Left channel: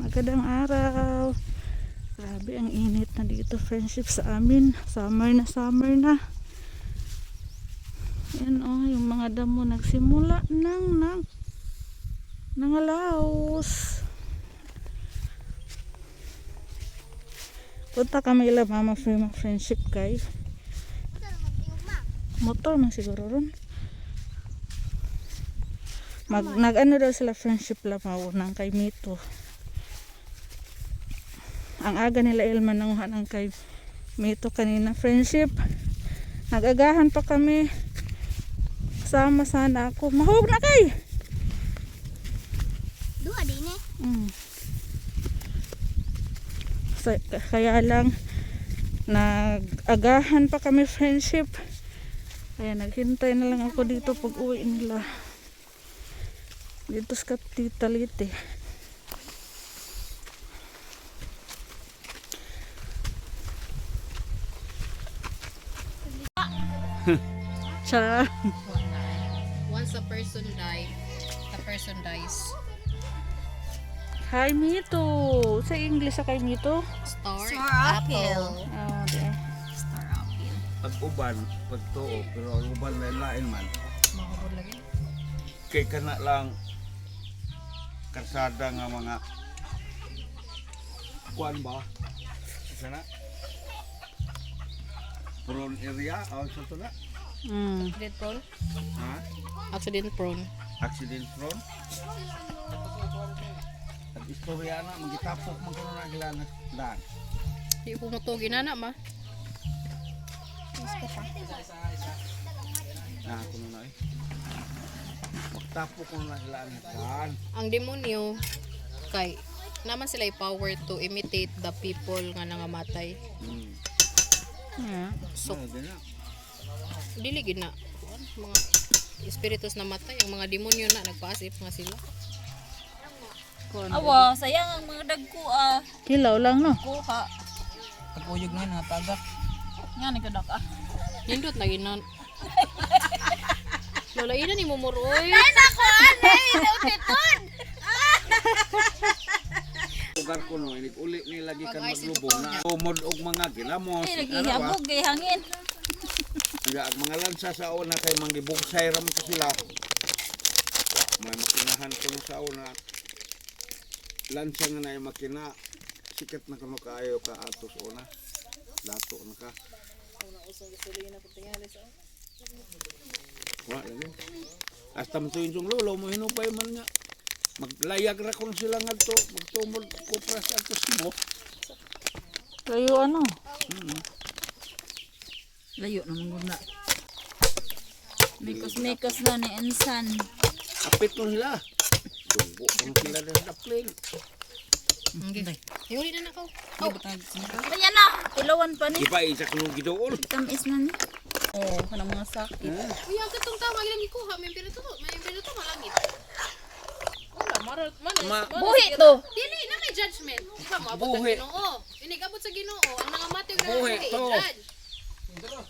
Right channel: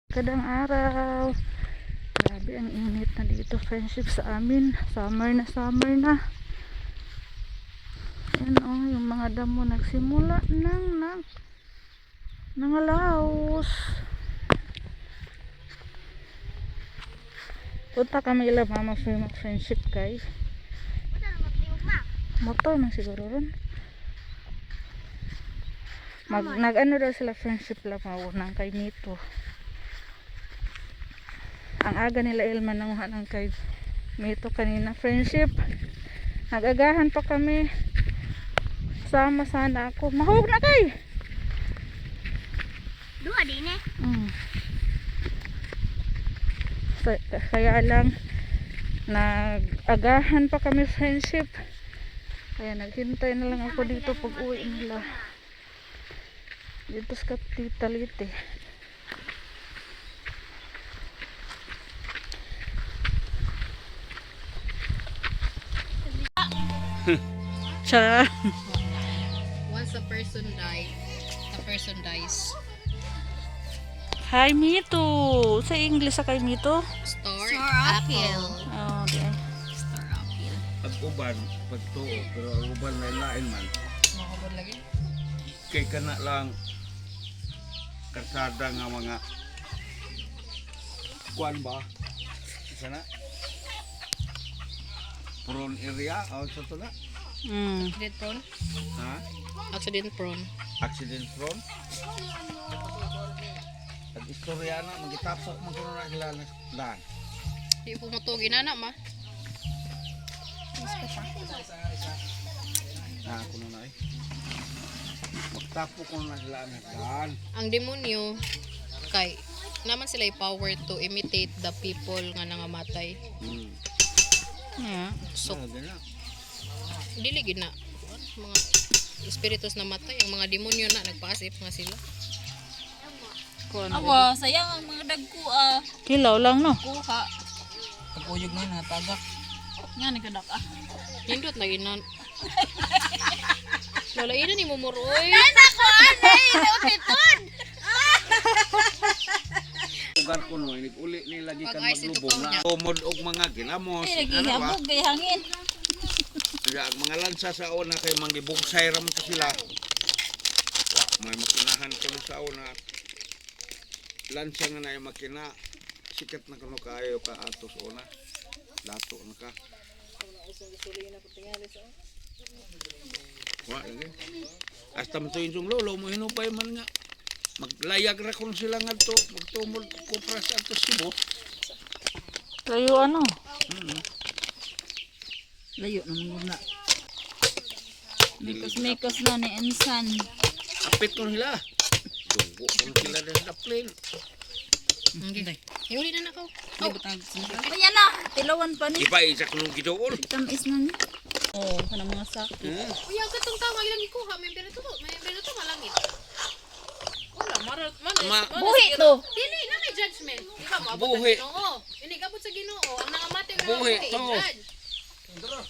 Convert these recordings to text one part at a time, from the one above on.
Magandang araw. Grabe ang init na dito, friendship sa amin. Summer na. Ano, yung mga damo nagsimula nang nangalaos. Punta kami ila mama friendship kay motor na siguro rin. Nag-ano daw sila friendship lang nang kay Mito. Ang aga nila Ilma ng kay Mito kanina friendship. Nagagahan pa kami. Sama sana ako. Mahog na kay. Dua din eh. Kaya lang nag-agahan pa kami friendship. Kaya naghintay na lang ako dito pag uwi nila. Dito sa Kapitalite. Cha. Once a person dies. Hi Mito. Sa English sa kay Mito. Star apple. Oh, there. Star apple. Pag-uban, pagtuo, pero ang uban na lain man. Mahubod lagi. Kay kana lang karsada nga mga kuan ba? Sana? Prone area, o sa tula? Accident prone? Ha? Accident prone. Accident prone? At istorya na, magitapsok mo kung na ilang daan. Di po mo to ginana ma. Kuno na eh. Magtapo kung na ilang daan. Ang demonyo kay naman sila power to imitate the people nga nangamatay. Yeah. So Oo, ganyan. dili gid na mga espiritus na matay, ang mga demonyo na nagpaasip nga sila. Awa, sayang ang mga dagko Kilaw lang no. kuha. Pagkuyog na yun, natagak. Nga nagkadak Hindot na ginan. Wala ina ni mumuroy. Lugar ko no, uli nila di ka Pag-ice ito maglubog pa na niya. tumod og mga ginamos. Ay, naghihabog kay hangin. Kaya ang mga lansa sa una kay mangibugsay ram ko sila. May makinahan ko na sa una. Lansa nga na yung makina. Sikat na kano kaayo ka ato sa una. Dato na ka. Wa lagi. Hasta mo sa inyong lolo mo hinupay man nga. Maglayag ra kung sila nga to. Magtumod ko pras ato sibo. Kayo ano? Layo naman na. Mikos na ni Ensan. Kapit ko nila. Dunggo kung sila na sa plane. Okay. Yuri na nako. Ayan na, tilawan pa ni. Ipa-isa ko nung gidoon. Tamis na ni. Oh, kanang mga sakit. Iya ka tong tao ilang ikuha, may pera to malangit. Wala maral man. Buhi to. Dili na may judgment. Buhi. Oo. Ini gabot sa Ginoo, ang nangamatay na Buhi to.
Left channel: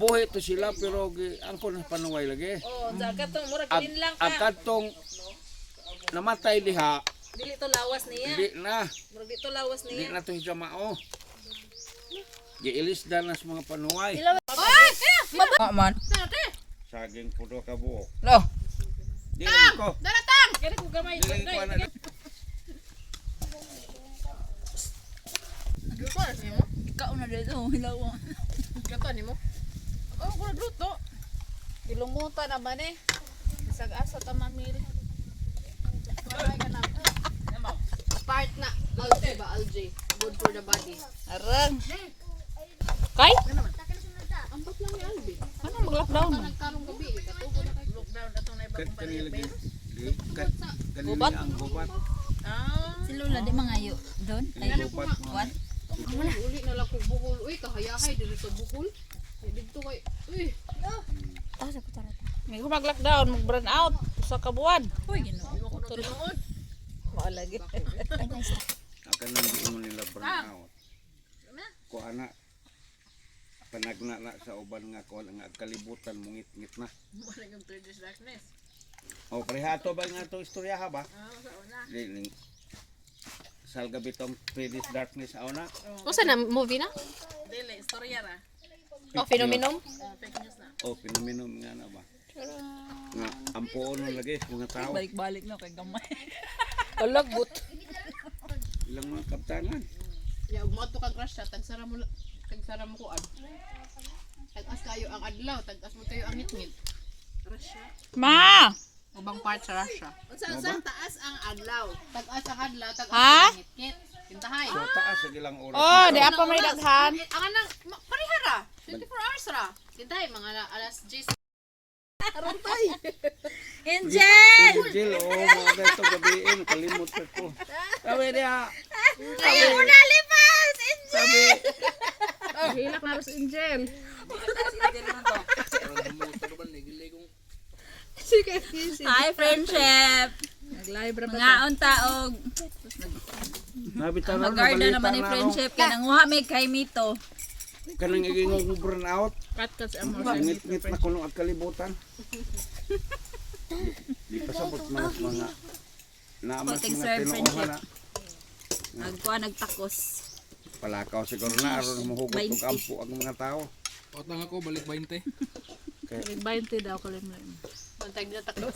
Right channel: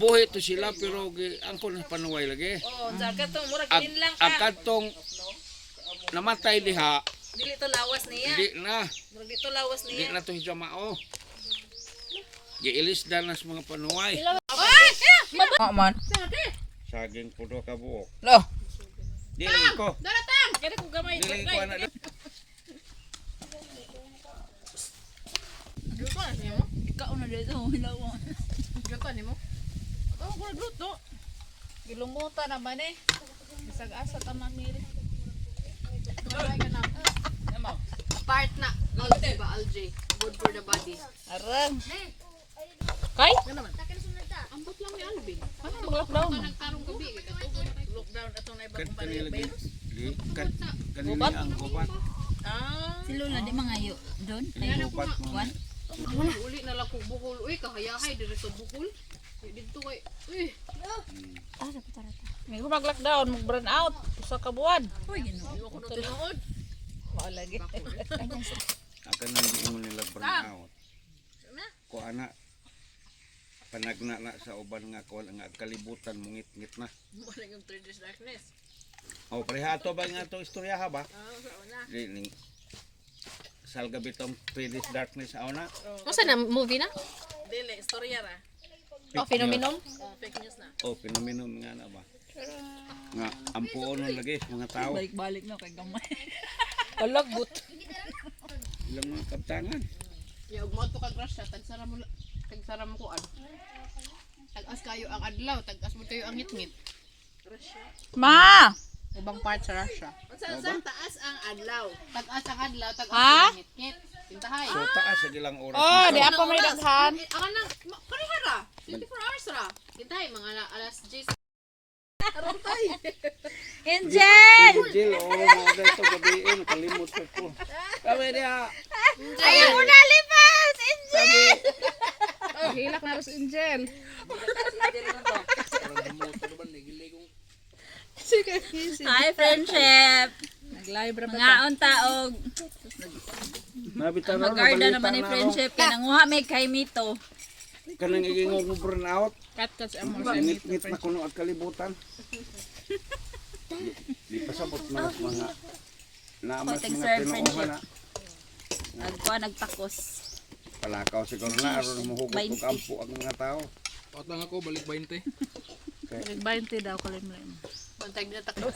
Buhi to sila pero angkon na panuway lagi. Oh, jaga to mura Ang katong namatay diha, Dili to lawas niya. di na. Mura dito lawas Di na to siya mao. Giilis na sa mga panuway. Man. Saging pudo ka buok. Lo. Dili ko. Daratang. Kaya ko gamay. Dili ko na. Ikaw na dito, hilaw. Gato nimo. Oh, ko druto. Gilumuta naman eh. Isag-asa ta mamili. Part na algae ba algae? Good for the body. Arang. Kay? Ambot lang ni Albi. Ano mag-lockdown? Nagkarong gabi katugo na kay lockdown ato na Kat kanila gi. Kat kanila Gubat? ang gubat. Si Lula di mangayo doon. Ayan ako Gubat nga. mo. Uli na lang kong bukol. Uy, kahayahay dito sa bukol. Dito kay. Uy. May mag-lockdown, mag-burn out sa kabuan. Uy, ginoo. Tunood. Wala lagi. Akan nang di mo nila burn out. Ko ana panagna na sa uban nga ko nga kalibutan mungit-ngit na. Wala kang third darkness. O pareha to ba nga to istorya ha ba? Di salgabi tong Swedish Darkness aw na. Masa na movie na? Dili, storya ra. Oh, phenomenon? Fake news na. O pinaminom nga na ba? Nga ampuon na lagi mga tao. Balik-balik na kay gamay. Kalagot. Ilang mga kaptanan. Ya, ug mo to ka crush siya, tagsara mo ko ad. Tag-as kayo ang adlaw, tag-as mo kayo ang ngit-ngit. Ma! Ubang part sa Russia. Unsa taas ang adlaw? Tag-as ang adlaw, tag-as Ha? ang ngit-ngit. Tintahay. So taas sa ilang oras. Oh, di apa may daghan. Ang nang pareha ra. 24 hours ra. Tintahay mga alas 10. Angel! Jill, mga dito gabiin, kalimut ko. Sabi niya, Ayaw mo na lipas! sabi, Hilak na ros Angel. Hi, friendship! Nag-live ra Mga untaog. nabitaw na Magarda naman ni balita na friendship. Kananguha may kay Mito. kanang igingog mo burn out. Cut sa amo. Ngit-ngit na kuno ang kalibutan. Di pasabot man ang mga naamas Konting mga serve, tinuuhan na. Nagkuha, nagtakos. Palakaw siguro na aron muhugot og 20. ampo ang mga tao. Otang ako balik 20. 20 daw ko limit. Pantay na takbo.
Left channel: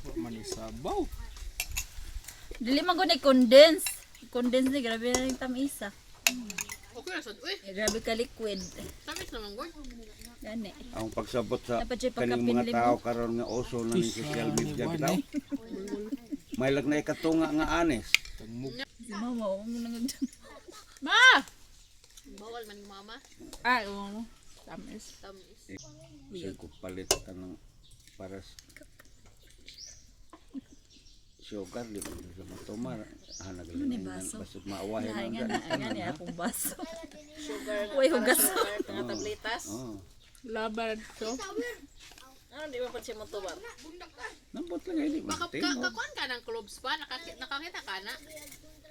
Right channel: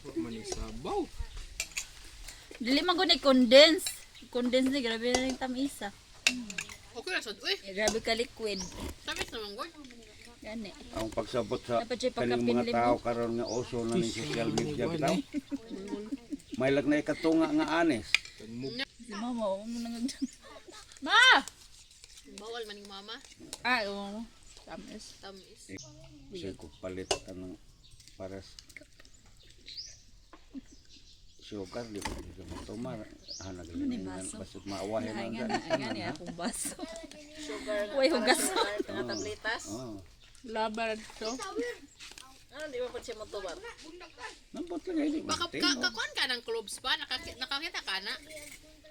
Wa man isabaw. Dili man ko ni condense. Condense ni grabe na rin tamisa. Okay ra sad. Uy, Grabe ka liquid. tamis naman ko. Gani. Ang pagsabot sa Dapat siya kaning pagkapinlim mga tao karon nga uso na ning social media bitaw. May lag na ikatunga nga anes. Si mama, huwag mo nang Ma! Bawal man ni mama. Ay, oo. Tamis. Tamis. Sige ko palit ka ng para sugar di mo sa matumar. Hanagaling na basig maawahin Ay, ang gani akong baso. Uy, hugas. Tablitas. Oh. Labar to. Ano di ba pa siya motobar? Nambot lang hindi mo tin. Kakuan ka ng clubs pa, nakakita ka na.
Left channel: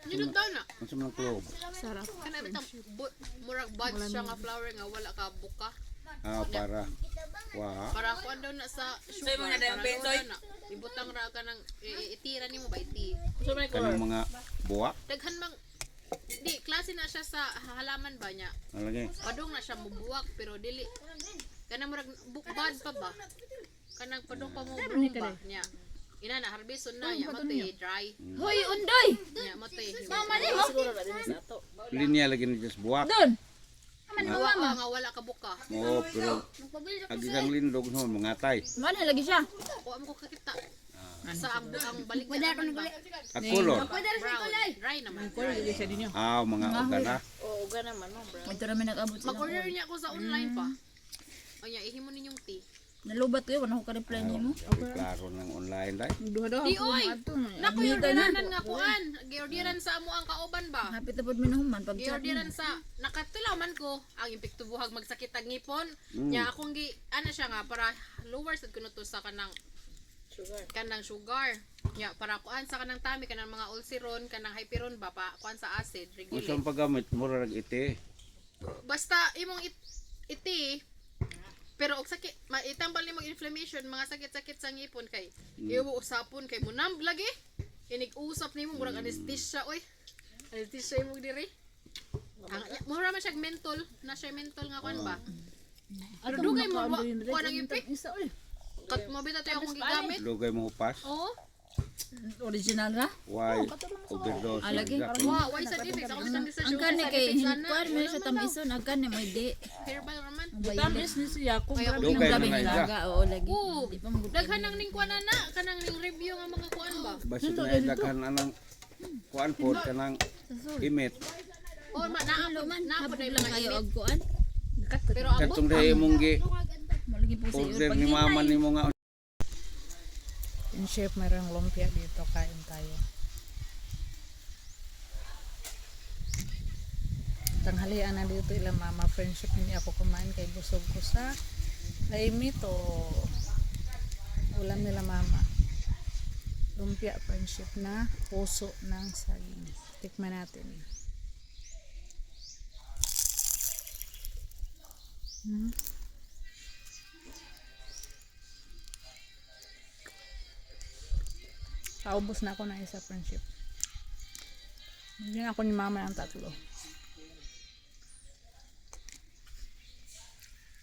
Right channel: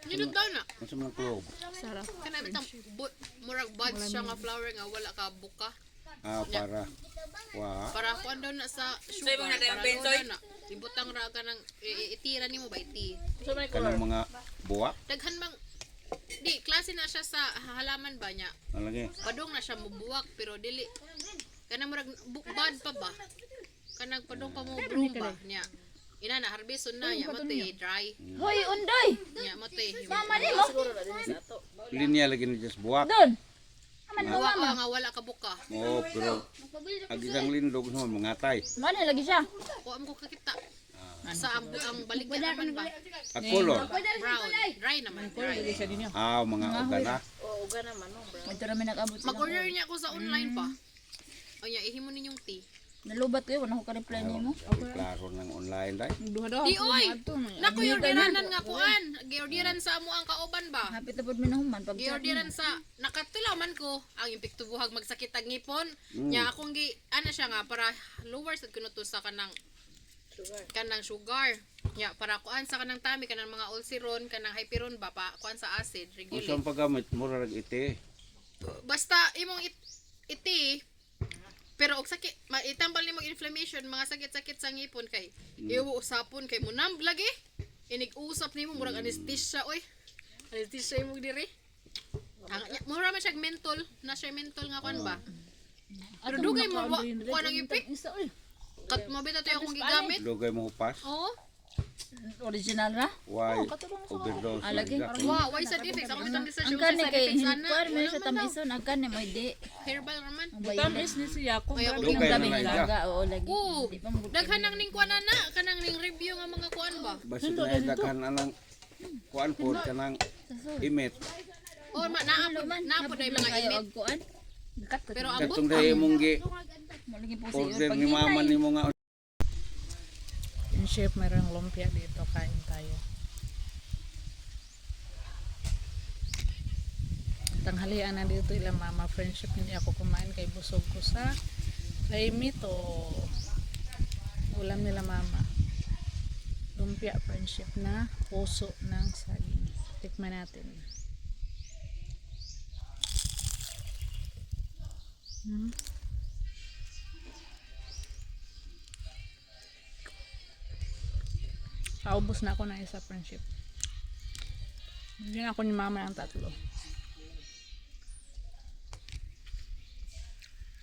Nindot ka na. Unsa man ang club? Sarap. Kana bitang murag buds siya nga flower nga wala ka buka. Ah para wa Para kuan daw na sa sugar. Para daw na. Ibutang ra ka ng itira nimo ba iti. kanang mga buwak Daghan mang di klase na siya sa halaman ba niya. nalagi. Padung na siya mubuwak pero dili kanang murag bukbad pa ba. Kanang padung pa mo ba niya. Ina na harbison na ya mate dry. Hoy, undoy! Nya mate. Linya lagi ni just buwak. Doon! Nga wala ka buka. Oo, pero agisang lindog naman mga tay. Mani lagi siya. O amo ko kakita. Sa ang balik na naman ba? At color. Brown. Dry naman. Dry. Ah, mga ogana. Ito namin nag-abot sila. Mag-order niya ako sa online pa. O ya, ihimo ninyong tea. Nalubat ko yun, wala ko ka-reply niyo mo. Klaro ng online day. Duha-duha Di ako oy. ato. Naku, orderan nga kuan. Giorderan sa amo ang kauban ba? Hapit na po minahuman. Pag chat Giorderan sa nakatulaw man ko ang impikto buhag magsakit ang ngipon. Nya akong gi ana siya nga para lower sad kuno to sa kanang sugar. Nya para kuan sa kanang tami kanang mga ulceron, kanang hyperon ba pa kuan sa acid Unsa regulate. ang paggamit mura rag iti. Basta imong iti pero og sakit maitambal nimo inflammation mga sakit-sakit sa ngipon kay iwo usapon kay mo numb lagi inig usap nimo murag anesthesia oy anesthesia imo diri ang mura man siya mental na siya mental nga kon ba pero dugay mo kuan ang ipik kat mabita tayo akong gigamit Lugay mo hupas. oo original ra. Why overdose na lagi. exact. wow why sa defect ako sa defect Ang kani kay hinkuan mo siya tamison. Ang kani may di. herbal raman Tamis ni siya kung grabe Dugay ng na gabi. na iya. Laga, oo lagi. oo Di pa mo daghan nang ning kuan na kanang ning review nga mga kuan ba Basit na daghan anang kuan pod kanang imit. oo naapod ay mga kayo imit og kuan. pero ang Katong dahi mong gi Malagi po sa order ni mama nimo nga In chef, mayroong lumpia dito. Kain tayo. Tanghalian na dito ilang mama friendship. Hindi ako kumain kay busog ko sa laimit o ulam nila mama. Lumpia friendship na puso ng saging. Tikman natin. Kaubos na ako na isa friendship. Bigyan ako ni mama ng 3.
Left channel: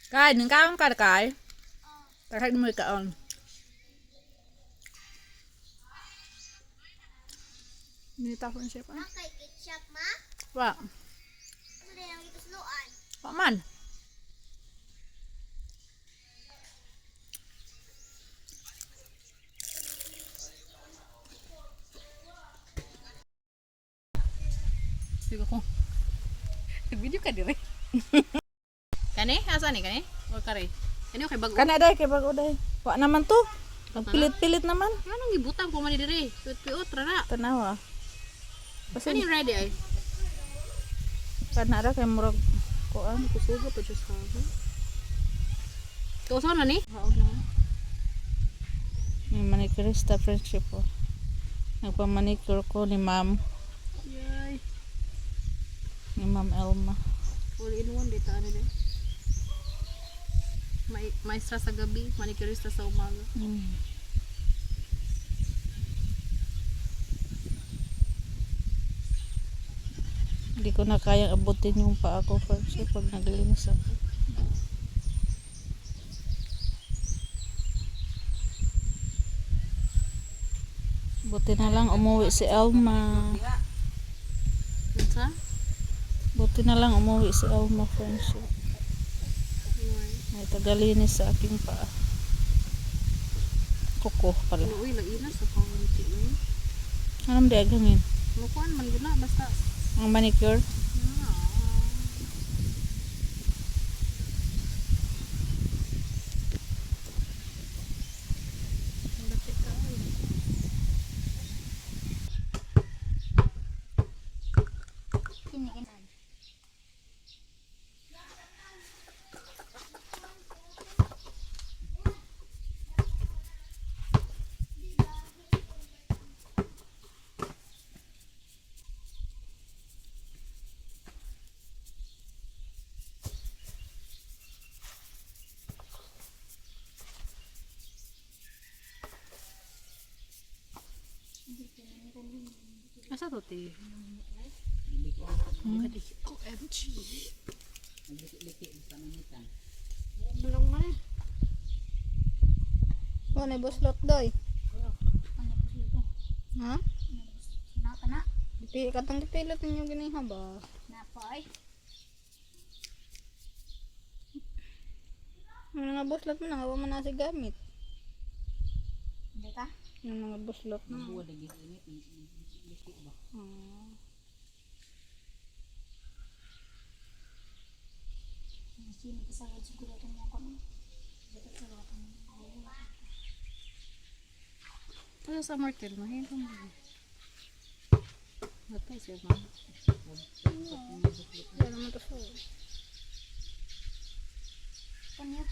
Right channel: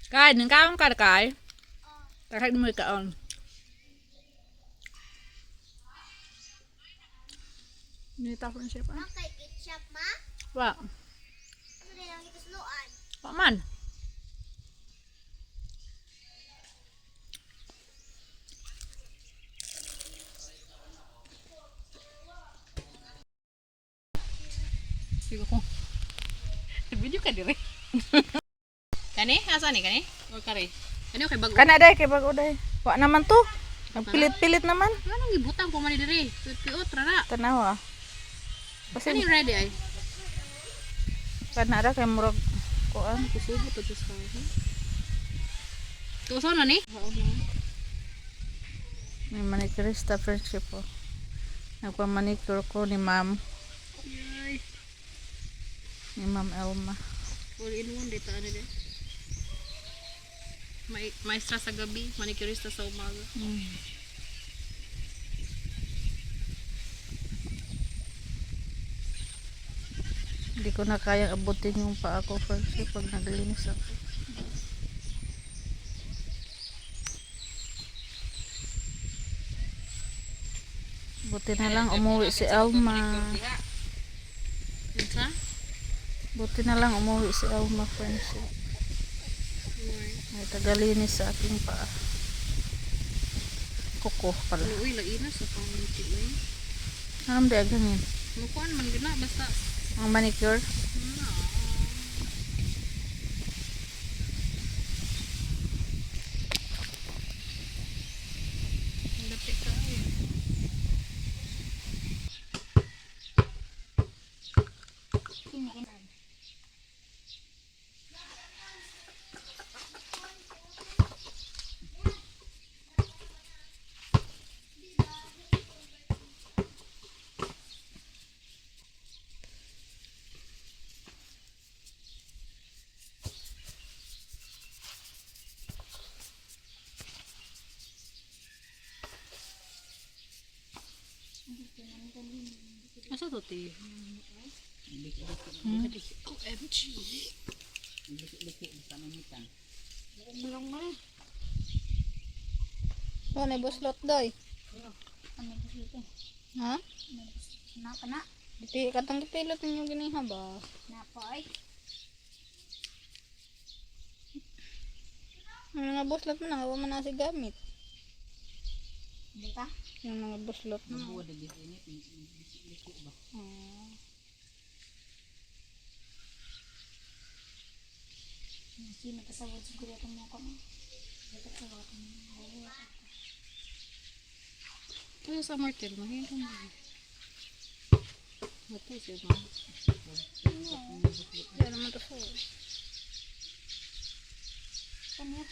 Kay, nang kaon ka kay? Takay mo ikaon. Nita friendship ah. Kay ketchup ma? Wa, Ano lang ito suluan? wa man. Sige ko. Video ka dire. Kani? Asa ni kani? Or kare? Ano kay bago? Kana day kay bago day. Wa naman to. Nagpilit-pilit naman. Anong gibutang po man dire? Piot ra na. Tanawa. Kasi Kani ready ay? kana ra kay murag kuan. Kusugo pa jud sa akin. Kausaw na ni? Haon na. May manicurista friendship po. Nagpa-manicure ko ni ma'am. Yay. Ni Ma'am Elma. All in one data ano din. Maestra sa gabi, manicurista sa umaga. Hindi ko na kayang abutin yung paa ko friendship pag naglinis ako. Buti na lang umuwi si Elma. Unsa? Buti na lang umuwi si Elma friendship. May tagalinis sa aking paa. Kuko pala. Uy, lainas sa panganti uy. Anong di agangin? Mukuan man gina basta. Ang manicure? Dati ka. Asa to ti? OMG. Oh, na buslot doy. Ha? Napa na? Diti katang gipilot ninyo gini haba. Napa ay? Ang mga buslot mo na hawa man na si gamit. Hindi ka? Yung mga buslot na. Sino kasawad siguro itong mga kami? Ano sa Martel? Mahirap mo. Matay siya ma. Yan naman to sa. Kanya,